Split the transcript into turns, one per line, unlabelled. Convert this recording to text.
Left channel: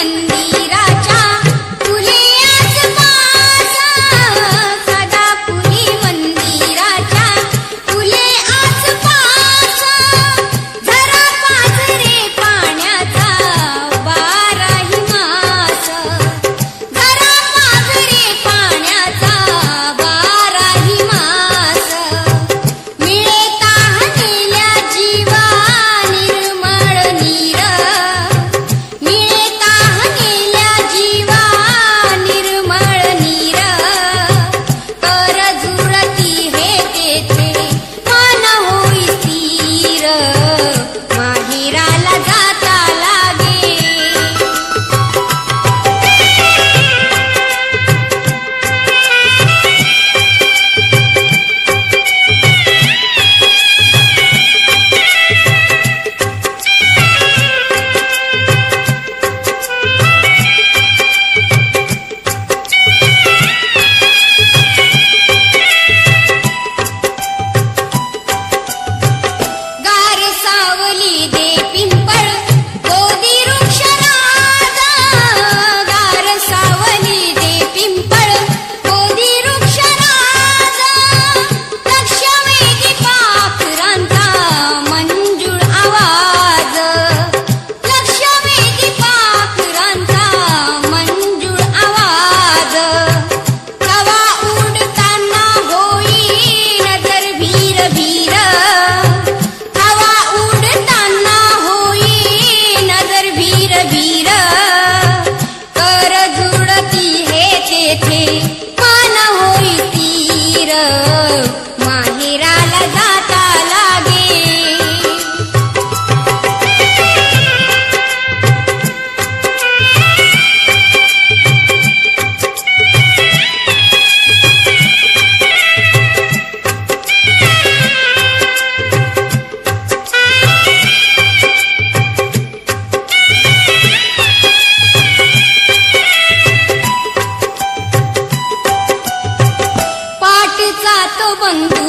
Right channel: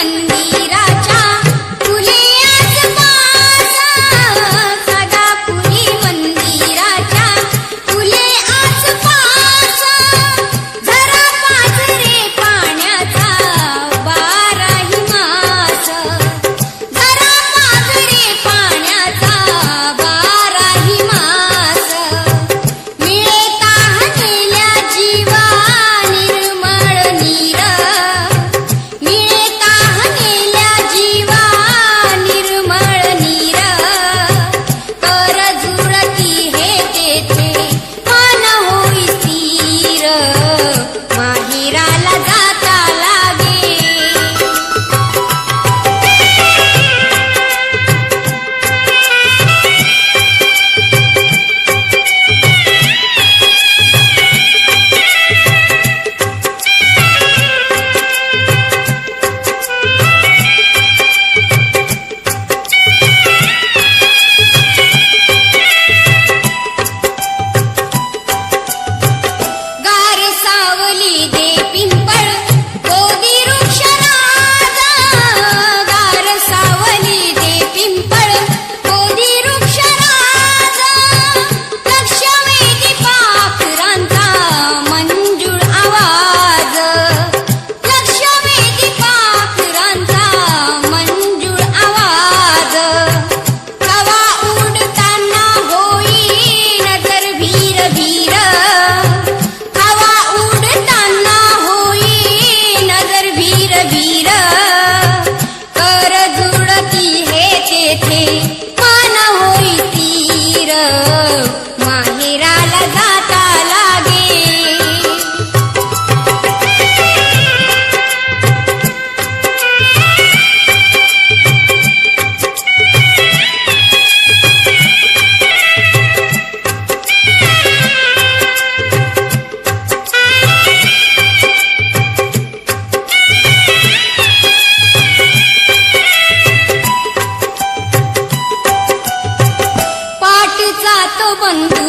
fully ಬಂದ